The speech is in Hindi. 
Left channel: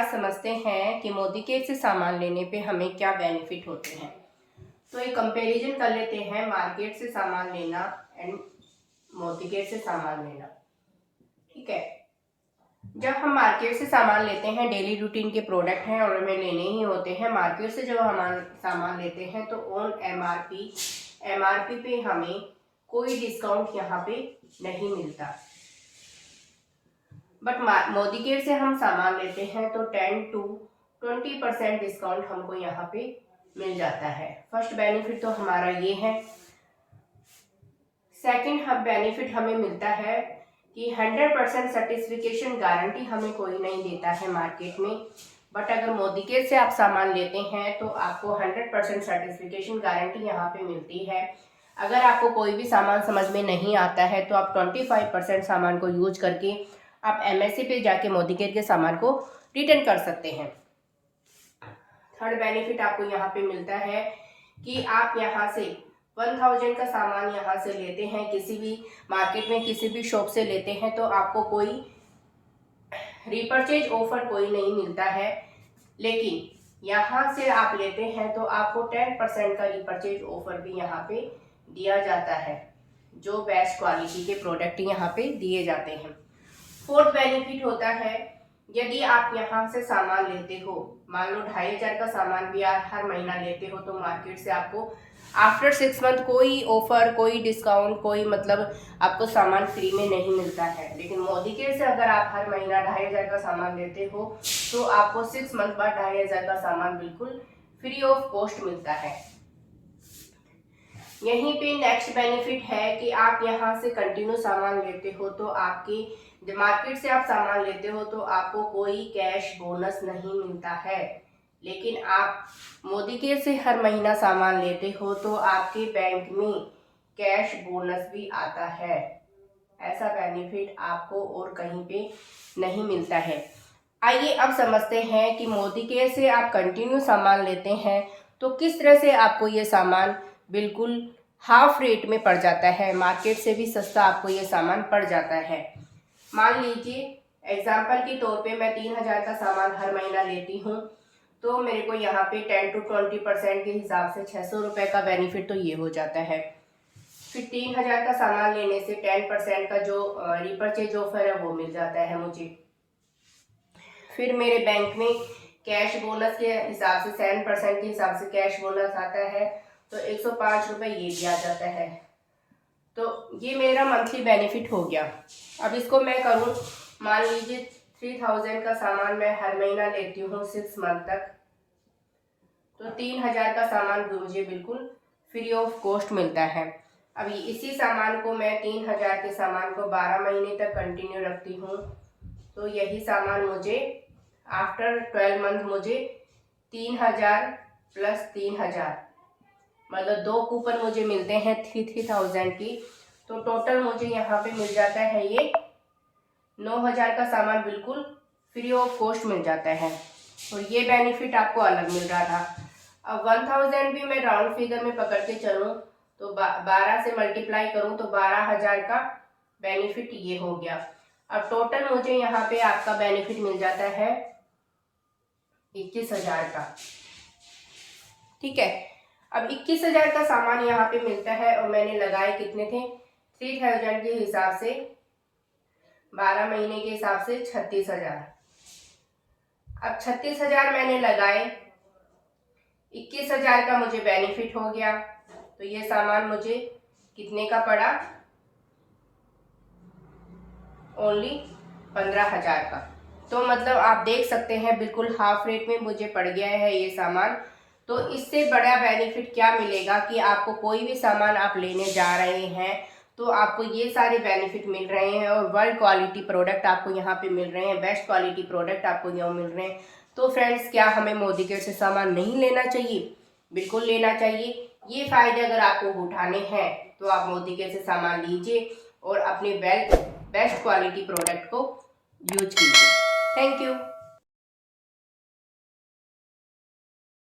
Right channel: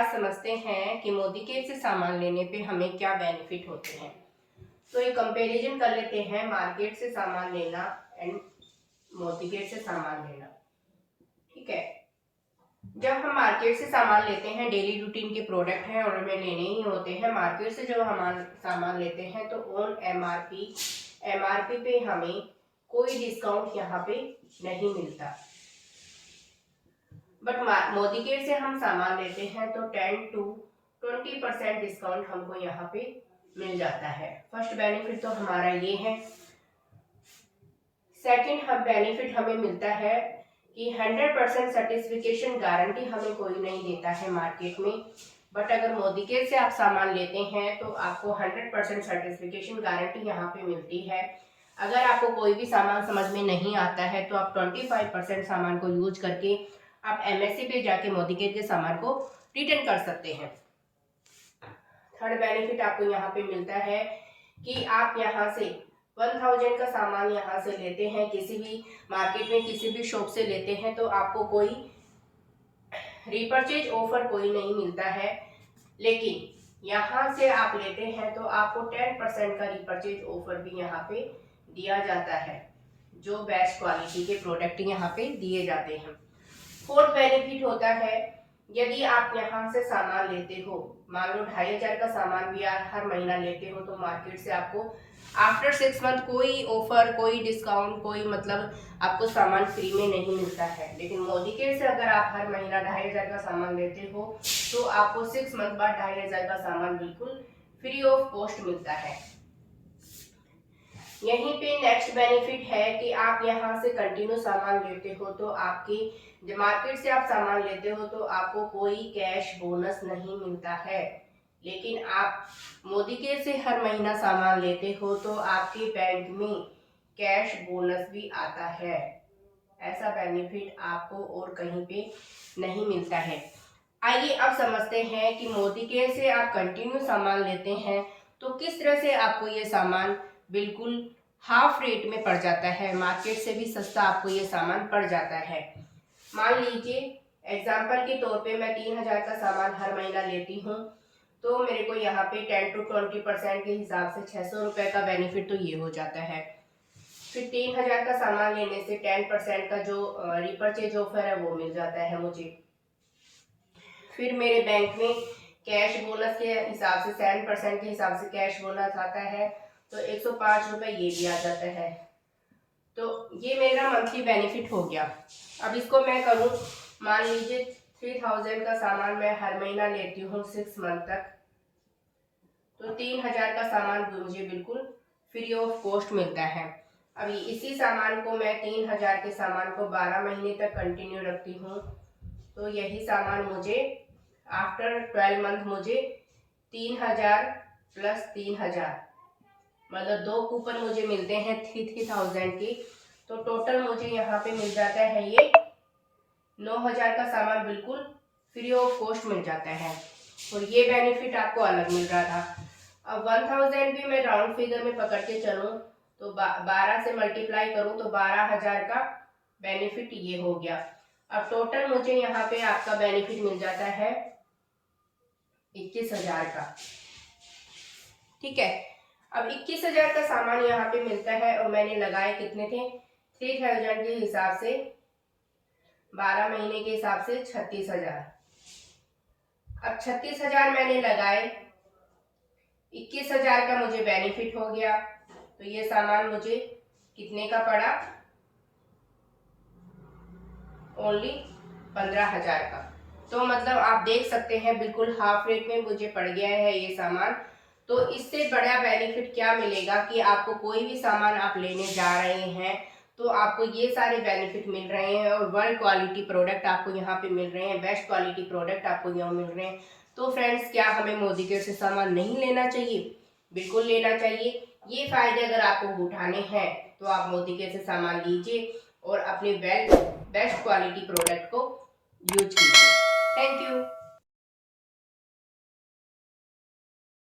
आज समझते हैं कि मोदी केयर से सामान लेने पे हमें क्या बेनिफिट होते हैं। तो एक कंपैरिजन कर लेते हैं मार्केट से सामान लेना एंड मोदी केयर से सामान लेना। ठीक है, जब हम मार्केट से सामान लेते हैं, डेली रूटीन के प्रोडक्ट हैं और हमें लेने ही होते हैं। मार्केट से जब हम सामान लेते हैं तो ऑन एमआरपी पे हमें कोई डिस्काउंट यहाँ पे नहीं मिलता। बट मोदी केयर से हम सामान लेते हैं तो 10 to 20% डिस्काउंट हमको यहाँ पे मिल जाता है। फर्स्ट बेनिफिट तो हमारा ये है। सेकंड बेनिफिट हमें मिलता है कि 100% सर्टिफिकेशन गारंटी हमें कोई नहीं देता है मार्केट में। बट अगर मोदी केयर से आप सामान लेते हैं तो आपको 100% सर्टिफिकेशन गारंटी यहाँ पे मिलती है। अगर आपको कोई भी सामान समझ में नहीं आता है तो आप 25% सामान को यूज करके आप एमएससी पे जाके मोदी केयर के सामान को रिटर्न कर सकते हैं। थर्ड बेनिफिट आपको यहाँ पे मिलता है कि आप यहाँ से 1000 का सामान यहाँ से लेते हैं, किसी भी मार्केट में किसी भी शॉप से लेते हैं तो आपको कोई रिपर्चेज ऑफर कोई नहीं मिलता है। लेकिन यहाँ से आप लेते हैं तो आपको 10% का रिपर्चेज ऑफर भी यहाँ पे दिया जाता है, जो बेस्ट क्वालिटी के प्रोडक्ट यहाँ पे दिए जाते हैं। फोर्थ बेनिफिट होता है, यदि आप यहाँ से सामान लेते हो, मान लो 2500 का सामान भी आप हर महीना लेते हो तो मार्केट से आपको आफ्टर 6 मंथ कोई ऑफर, कोई डिस्काउंट, कोई मतलब आपको सामान फ्री में नहीं मिलता है। लेकिन मोदी केयर से अगर आप हर महीना 2500 का सामान लेते हो तो आपको 6 मंथ बाद 2500 का सामान बिल्कुल फ्री ऑफ कॉस्ट मिलता है। यहीं पे नेक्स्ट बेनिफिट है कि आप यहाँ से कंटिन्यू सामान लेते हो तो आपकी मार्केट से आप सामान लेते हो तो आपको कोई कैश बोनस नहीं मिलता है। लेकिन आप मोदी केयर से हर महीना सामान लेते हो तो आपके बैंक में कैश बोनस भी आता है। ऐसा बेनिफिट आपको और कहीं पे नहीं मिलता है। आइए अब समझते हैं कि मोदी केयर से आप कंटिन्यू सामान लेते हैं तो किस तरह से आपको ये सामान बिल्कुल हाफ रेट में पड़ जाता है, मार्केट से भी सस्ता आपको ये सामान पड़ जाता है। मान लीजिए एग्जाम्पल के तौर पे मैं 3000 का सामान हर महीना लेती हूँ तो मेरे को यहाँ पे 10 to 20% के हिसाब से 600 रुपये का बेनिफिट तो ये हो जाता है। फिर 3000 का सामान लेने से 10% का जो रिपर्चेज ऑफर है वो मिल जाता है मुझे। फिर मेरे बैंक में कैश बोनस के हिसाब से 7% के हिसाब से कैश बोनस आता है तो 105 रुपये ये भी आ जाता है। तो ये मेरा मंथली बेनिफिट हो गया। अब इसको मैं करूँ, मान लीजिए 3000 का सामान मैं हर महीना लेती हूँ 6 मंथ तक, तो 3000 का सामान मुझे बिल्कुल फ्री ऑफ कॉस्ट मिलता है। अभी इसी सामान को मैं 3000 के सामान को 12 महीने तक कंटिन्यू रखती हूँ तो यही सामान मुझे आफ्टर 12 मंथ मुझे 3000 प्लस 3000 मतलब 2 कूपन मुझे मिलते हैं 3000 की। तो टोटल मुझे यहाँ पे मिल जाता है ये 9000 का सामान बिल्कुल फ्री ऑफ कॉस्ट मिल जाता है। और ये बेनिफिट आपको अलग मिल रहा था। अब 1000 भी मैं राउंड फिगर में पकड़ के चलूँ तो 12 से मल्टीप्लाई करूँ तो 12000 का बेनिफिट ये हो गया। अब टोटल मुझे यहाँ पे आपका बेनिफिट मिल जाता है 21000 का। ठीक है, अब 21000 का सामान यहाँ पे मिलता है और मैंने लगाए कितने थे 3000 के हिसाब से 12 महीने के हिसाब से 36000। अब 36000 मैंने लगाए, 21000 का मुझे बेनिफिट हो गया तो ये सामान मुझे कितने का पड़ा, ओनली 15000 का। तो मतलब आप देख सकते हैं बिल्कुल हाफ रेट में मुझे पड़ गया है ये सामान। तो इससे बड़ा बेनिफिट क्या मिलेगा कि आपको कोई भी सामान आप लेने जा रहे हैं तो आपको ये सारे बेनिफिट मिल रहे हैं और वर्ल्ड क्वालिटी प्रोडक्ट आपको यहाँ पे मिल रहे हैं, बेस्ट क्वालिटी प्रोडक्ट आपको यहाँ मिल रहे हैं। तो फ्रेंड्स, क्या हमें मोदी केयर से सामान नहीं लेना चाहिए? बिल्कुल लेना चाहिए। ये फायदे अगर आपको उठाने हैं तो आप मोदी केयर से सामान लीजिए और अपने बेस्ट क्वालिटी प्रोडक्ट को यूज कीजिए। Thank you.